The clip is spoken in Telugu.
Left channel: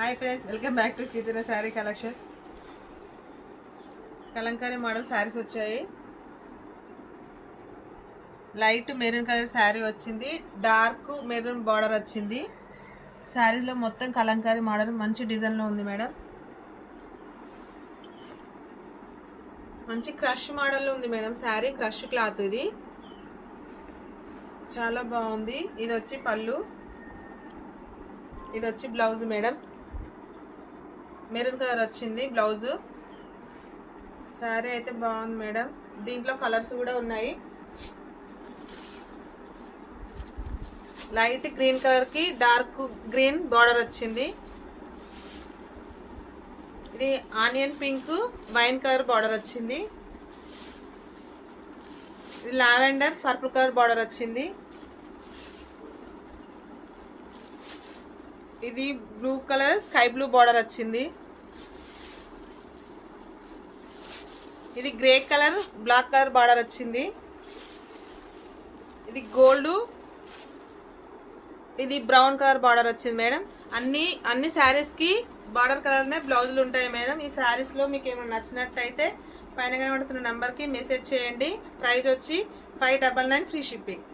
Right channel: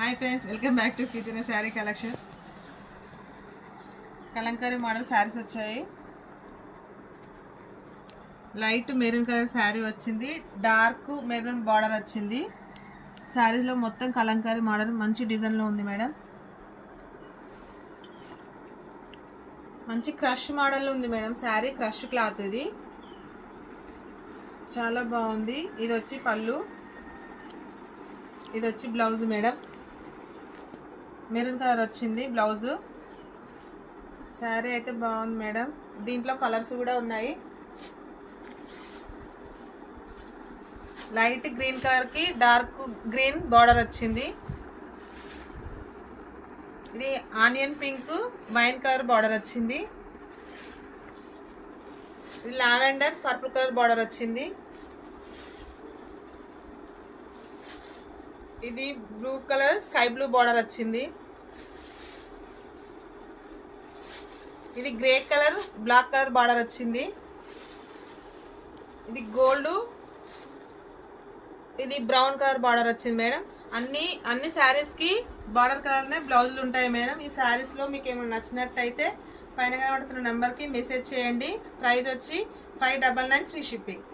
Hi friends, welcome back to Keerthana sari collection. Kalamkari model saris వచ్చాయి. లైట్ మెరూన్ కలర్ శారీ వచ్చింది, డార్క్ మెరూన్ బార్డర్ వచ్చింది. శారీలో మొత్తం కలంకారీ మోడల్ మంచి డిజైన్లో ఉంది మేడం. మంచి క్రష్ మోడల్ ఉంది మేడం. శారీ క్రష్ క్లాత్, ఇది చాలా బాగుంది. ఇది వచ్చి పళ్ళు, ఇది వచ్చి బ్లౌజ్ మేడం. మెరూన్ కలర్ వచ్చింది బ్లౌజ్. శారీ అయితే బాగుంది మేడం. దీంట్లో కలర్స్ కూడా ఉన్నాయి. లైట్ గ్రీన్ కలర్ కి డార్క్ గ్రీన్ బార్డర్ వచ్చింది. ఇది onion pink wine colour border వచ్చింది. ఇది లావెండర్ పర్పుల్ కలర్ బార్డర్ వచ్చింది. ఇది blue colour sky blue border వచ్చింది. ఇది grey colour black colour border వచ్చింది. ఇది గోల్డ్, ఇది బ్రౌన్ కలర్ బార్డర్ వచ్చింది మేడం. అన్ని శారీస్ కి బార్డర్ కలర్ నే బ్లౌజులు ఉంటాయి మేడం. ఈ శారీస్ లో మీకు ఏమైనా నచ్చినట్టయితే పైన కనబడుతున్న నెంబర్ కి మెసేజ్ చేయండి. ప్రైస్ వచ్చి 599 ఫ్రీ షిప్పింగ్.